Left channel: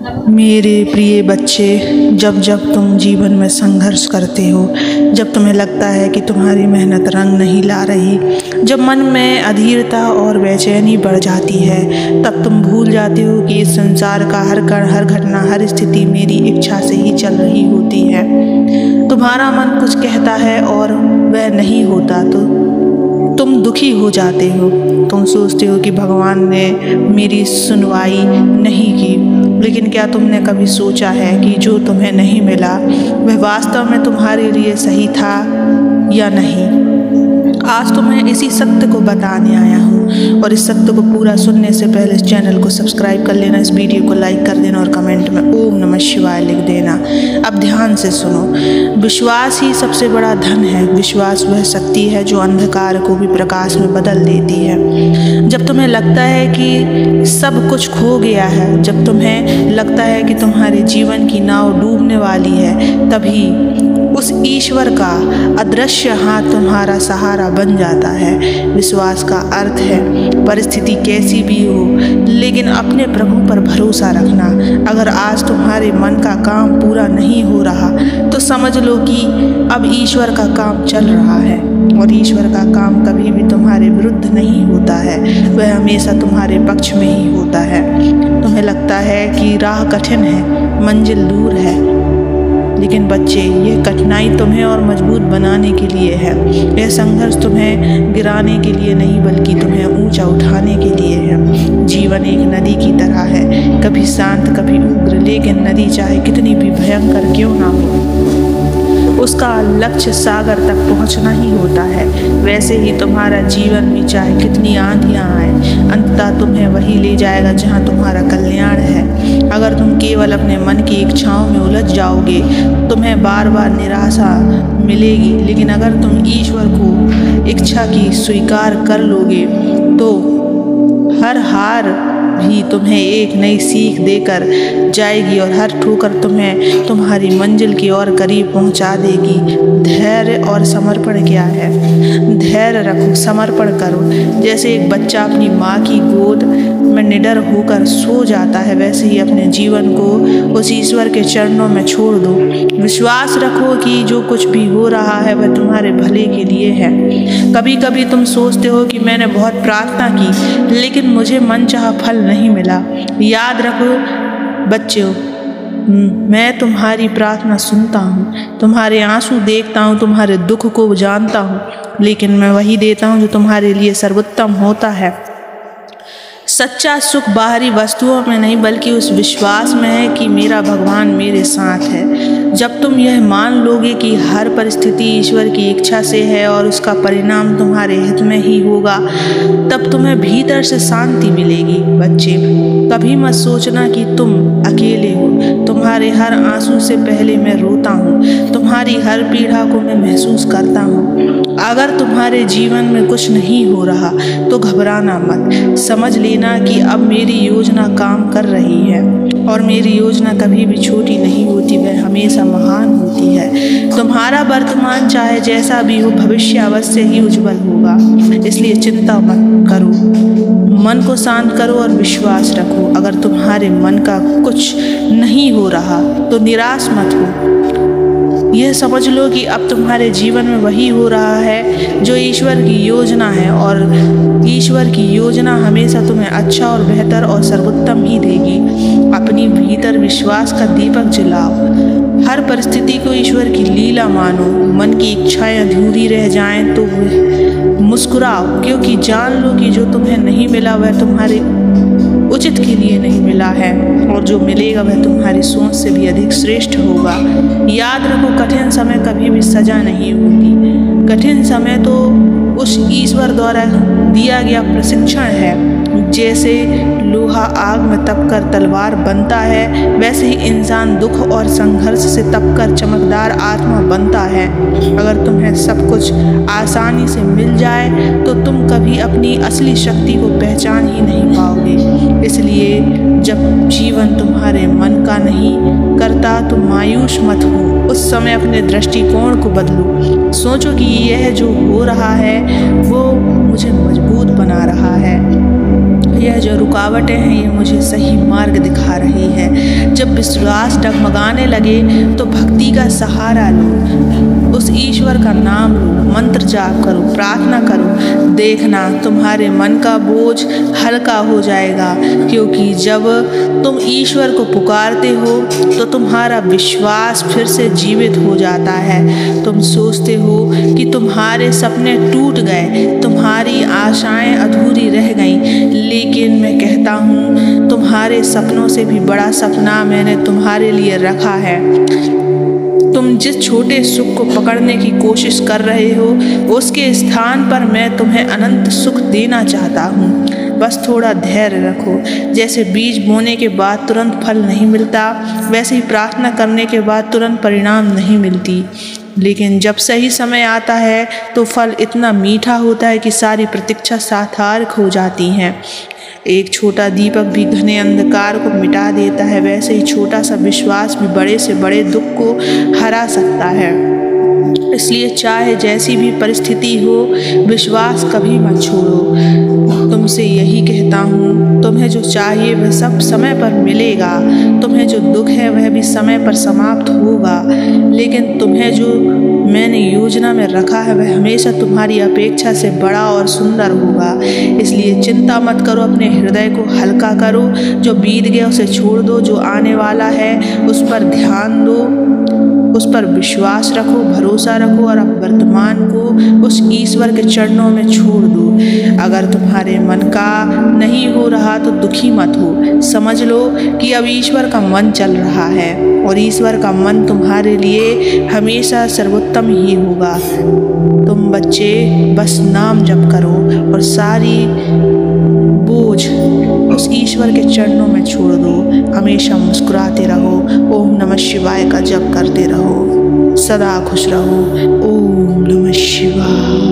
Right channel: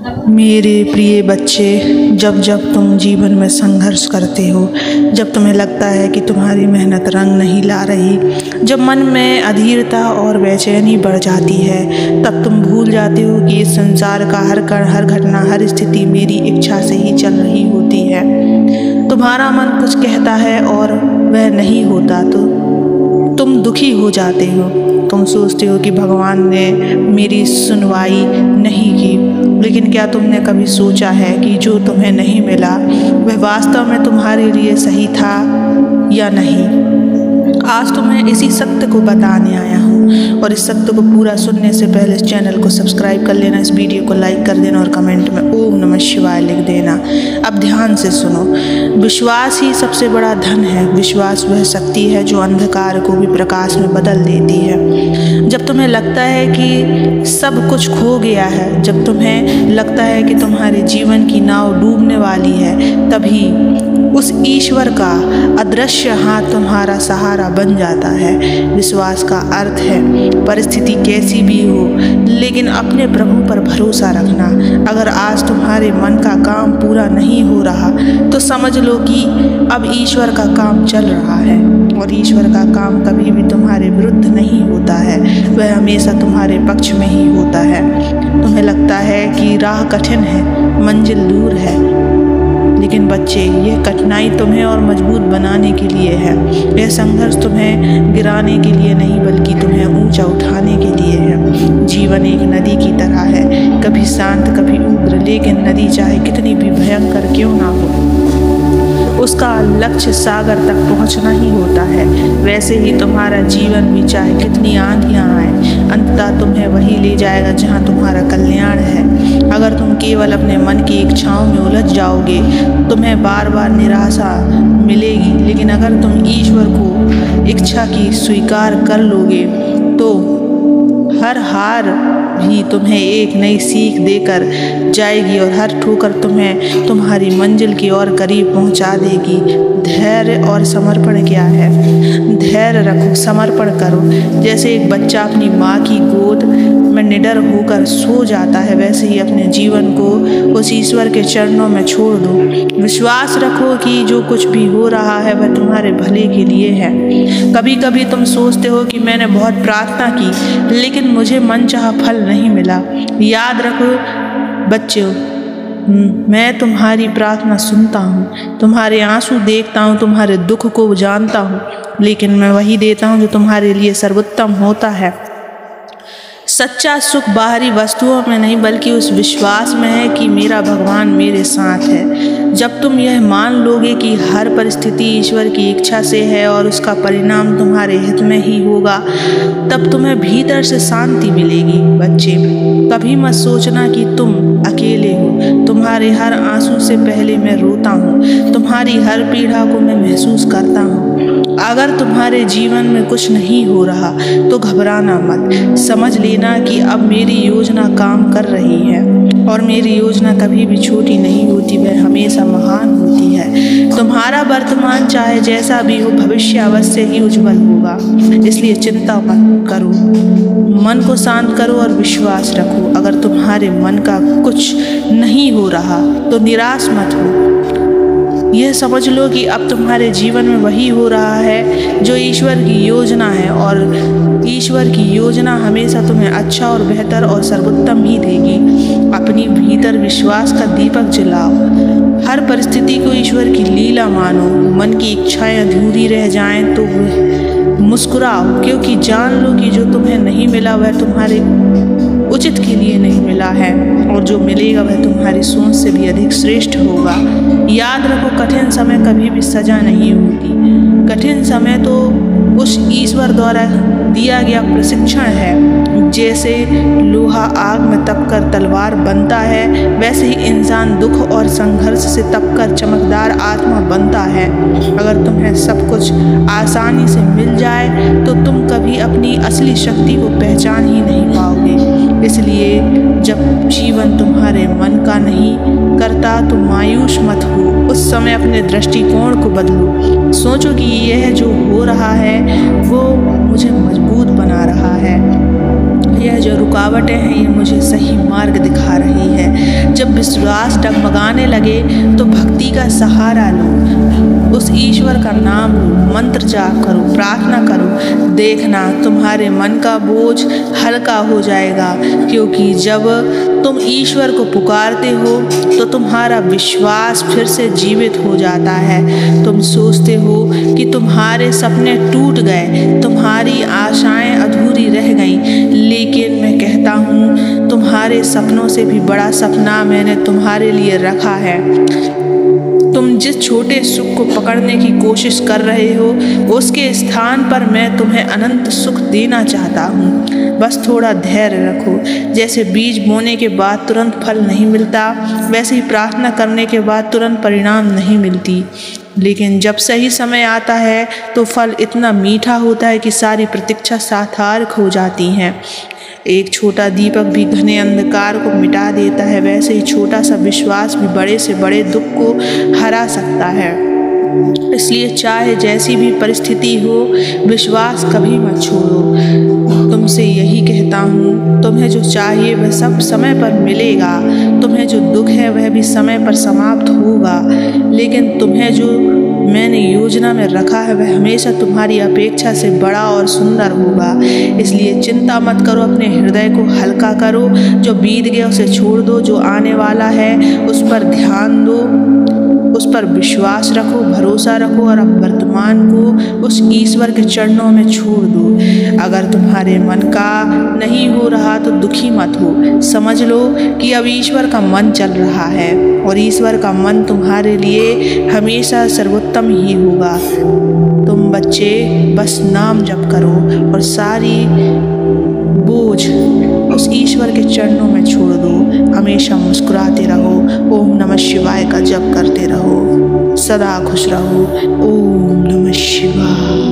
मेरे प्रिय बच्चे, जब जब तुम जीवन में संघर्ष करते हो, जब तुम्हें लगता है कि तुम्हारी मेहनत रंग नहीं ला रही, जब मन में अधीरता और बेचैनी बढ़ जाती है, तब तुम भूल जाते हो कि इस संसार का हर कण, हर घटना, हर स्थिति मेरी इच्छा से ही चल रही होती है। तुम्हारा मन कुछ कहता है और वह नहीं होता तो तुम दुखी हो जाते हो। तुम सोचते हो कि भगवान ने मेरी सुनवाई नहीं की, लेकिन क्या तुमने कभी सोचा है कि जो तुम्हें नहीं मिला वह वास्तव में तुम्हारे लिए सही था या नहीं? आज तुम्हें इसी सत्य को बताने आया हूँ, और इस सत्य को पूरा सुनने से पहले इस चैनल को सब्सक्राइब कर लेना, इस वीडियो को लाइक कर देना और कमेंट में ओम नमः शिवाय लिख देना। अब ध्यान से सुनो। विश्वास ही सबसे बड़ा धन है। विश्वास वह शक्ति है जो अंधकार को भी प्रकाश में बदल देती है। जब तुम्हें लगता है कि सब कुछ खो गया है, जब तुम्हें लगता है कि तुम्हारे जीवन की नाव डूबने वाली है, तभी उस ईश्वर का अदृश्य हाथ तुम्हारा सहारा बन जाता है। विश्वास का अर्थ है परिस्थिति कैसी भी हो, लेकिन अपने प्रभु पर भरोसा रखना। अगर आज तुम्हारे मन का काम पूरा नहीं हो रहा तो समझ लो कि अब ईश्वर का काम चल रहा है, और ईश्वर का काम कभी भी तुम्हारे विरुद्ध नहीं होता है, वह हमेशा तुम्हारे पक्ष में ही होता है। तुम्हें लगता है कि राह कठिन है, मंजिल दूर है, लेकिन बच्चे, यह कठिनाई तुम्हें और मजबूत बनाने के लिए है। यह संघर्ष तुम्हें गिराने के लिए नहीं, बल्कि तुम्हें ऊंचा उठाने के लिए है। जीवन एक नदी की तरह है, कभी शांत कभी उग्र, लेकिन नदी चाहे कितनी भी भयंकर क्यों ना हो, उसका लक्ष्य सागर तक पहुंचना ही होता है। वैसे ही तुम्हारा जीवन भी चाहे कितनी आंधियां आए, अंततः तुम्हें वही ले जाएगा जहां तुम्हारा कल्याण है। अगर तुम केवल अपने मन की इच्छाओं में उलझ जाओगे, तुम्हें बार बार निराशा मिलेगी, लेकिन अगर तुम ईश्वर को इच्छा की स्वीकार कर लोगे तो हर हार भी तुम्हें एक नई सीख देकर जाएगी, और हर ठोकर तुम्हें तुम्हारी मंजिल की ओर करीब पहुंचा देगी। धैर्य और समर्पण क्या है? धैर्य रखो, समर्पण करो। जैसे एक बच्चा अपनी माँ की गोद में निडर होकर सो जाता है, वैसे ही अपने जीवन को उस ईश्वर के चरणों में छोड़ दो। विश्वास रखो कि जो कुछ भी हो रहा है वह तुम्हारे भले के लिए है। कभी कभी तुम सोचते हो कि मैंने बहुत प्रार्थना की, लेकिन मुझे मनचाहा फल नहीं मिला। याद रखो बच्चों, मैं तुम्हारी प्रार्थना सुनता हूँ, तुम्हारे आंसू देखता हूँ, तुम्हारे दुख को जानता हूँ, लेकिन मैं वही देता हूँ जो तुम्हारे लिए सर्वोत्तम होता है। सच्चा सुख बाहरी वस्तुओं में नहीं, बल्कि उस विश्वास में है कि मेरा भगवान मेरे साथ है। जब तुम यह मान लोगे कि हर परिस्थिति ईश्वर की इच्छा से है और उसका परिणाम तुम्हारे हित में ही होगा, तब तुम्हें भीतर से शांति मिलेगी। बच्चे, कभी मत सोचना कि तुम अकेले हो। तुम्हारे हर आंसू से पहले मैं रोता हूँ, तुम्हारी हर पीड़ा को मैं महसूस करता हूँ। अगर तुम्हारे जीवन में कुछ नहीं हो रहा तो घबराना मत। समझ लेना कि अब मेरी योजना काम कर रही है, और मेरी योजना कभी भी छोटी नहीं होती, वह हमेशा महान होती है। तुम्हारा वर्तमान चाहे जैसा भी हो, भविष्य अवश्य ही उज्जवल होगा। इसलिए चिंता मत करो, मन को शांत करो और विश्वास रखो। अगर तुम्हारे मन का कुछ नहीं हो रहा तो निराश मत हो। यह समझ लो कि अब तुम्हारे जीवन में वही हो रहा है जो ईश्वर की योजना है, और ईश्वर की योजना हमेशा तुम्हें अच्छा और बेहतर और सर्वोत्तम ही देगी। अपनी भीतर विश्वास का दीपक जलाओ। हर परिस्थिति को ईश्वर की लीला मानो। मन की इच्छाएं अधूरी रह जाएं तो मुस्कुराओ, क्योंकि जान लो कि जो तुम्हें नहीं मिला वह तुम्हारे उचित के लिए नहीं मिला है, और जो मिलेगा वह तुम्हारी सोच से भी अधिक श्रेष्ठ होगा। याद रखो, कठिन समय कभी भी सजा नहीं होती। कठिन समय तो उस ईश्वर द्वारा दिया गया प्रशिक्षण है। जैसे लोहा आग में तपकर तलवार बनता है, वैसे ही इंसान दुख और संघर्ष से तपकर चमकदार आत्मा बनता है। अगर तुम्हें सब कुछ आसानी से मिल जाए तो तुम कभी अपनी असली शक्ति को पहचान ही नहीं पाओगे। इसलिए जब जीवन तुम्हारे मन का नहीं करता तो मायूस मत हो। उस समय अपने दृष्टिकोण को बदलो। सोचो कि यह जो हो रहा है वो मुझे मजबूत बना रहा है। यह जो रुकावटें हैं ये मुझे सही मार्ग दिखा रही है। जब विश्वास डगमगाने लगे तो भक्ति का सहारा लो, उस ईश्वर का नाम लो, मंत्र जाप करो, प्रार्थना करो। देखना तुम्हारे मन का बोझ हल्का हो जाएगा, क्योंकि जब तुम ईश्वर को पुकारते हो तो तुम्हारा विश्वास फिर से जीवित हो जाता है। तुम सोचते हो कि तुम्हारे सपने टूट गए, तुम्हारी आशाएं अधूरी रह गईं, लेकिन मैं कहता हूँ तुम्हारे सपनों से भी बड़ा सपना मैंने तुम्हारे लिए रखा है। तुम जिस छोटे सुख को पकड़ने की कोशिश कर रहे हो उसके स्थान पर मैं तुम्हें अनंत सुख देना चाहता हूँ। बस थोड़ा धैर्य रखो। जैसे बीज बोने के बाद तुरंत फल नहीं मिलता, वैसे ही प्रार्थना करने के बाद तुरंत परिणाम नहीं मिलती, लेकिन जब सही समय आता है तो फल इतना मीठा होता है कि सारी प्रतीक्षा सार्थक हो जाती हैं। एक छोटा दीपक भी घने अंधकार को मिटा देता है, वैसे ही छोटा सा विश्वास भी बड़े से बड़े दुख को हरा सकता है। इसलिए चाहे जैसी भी परिस्थिति हो, विश्वास कभी मत छोड़ो। तुमसे यही कहता हूँ, तुम्हें जो चाहिए वह सब समय पर मिलेगा। तुम्हें जो दुख है वह भी समय पर समाप्त होगा, लेकिन तुम्हें जो मैंने योजना में रखा है वह हमेशा तुम्हारी अपेक्षा से बड़ा और सुंदर होगा। इसलिए चिंता मत करो, अपने हृदय को हल्का करो। जो बीत गया उसे छोड़ दो, जो आने वाला है उस पर ध्यान दो, उस पर विश्वास रखो, भरोसा रखो और अब वर्तमान को उस ईश्वर के चरणों में छोड़ दो। अगर तुम्हारे मन का नहीं हो रहा तो दुखी मत हो। समझ लो कि अब ईश्वर का मन चल रहा है और ईश्वर का मन तुम्हारे लिए हमेशा सर्वोत्तम ही होगा। तुम बच्चे बस नाम जप करो और सारी बोझ उस ईश्वर के चरणों में छोड़ दो। हमेशा मुस्कुराते रहो, ओम नमः शिवाय का जप करते रहो, सदा खुश रहो। ओम नमः शिवाय।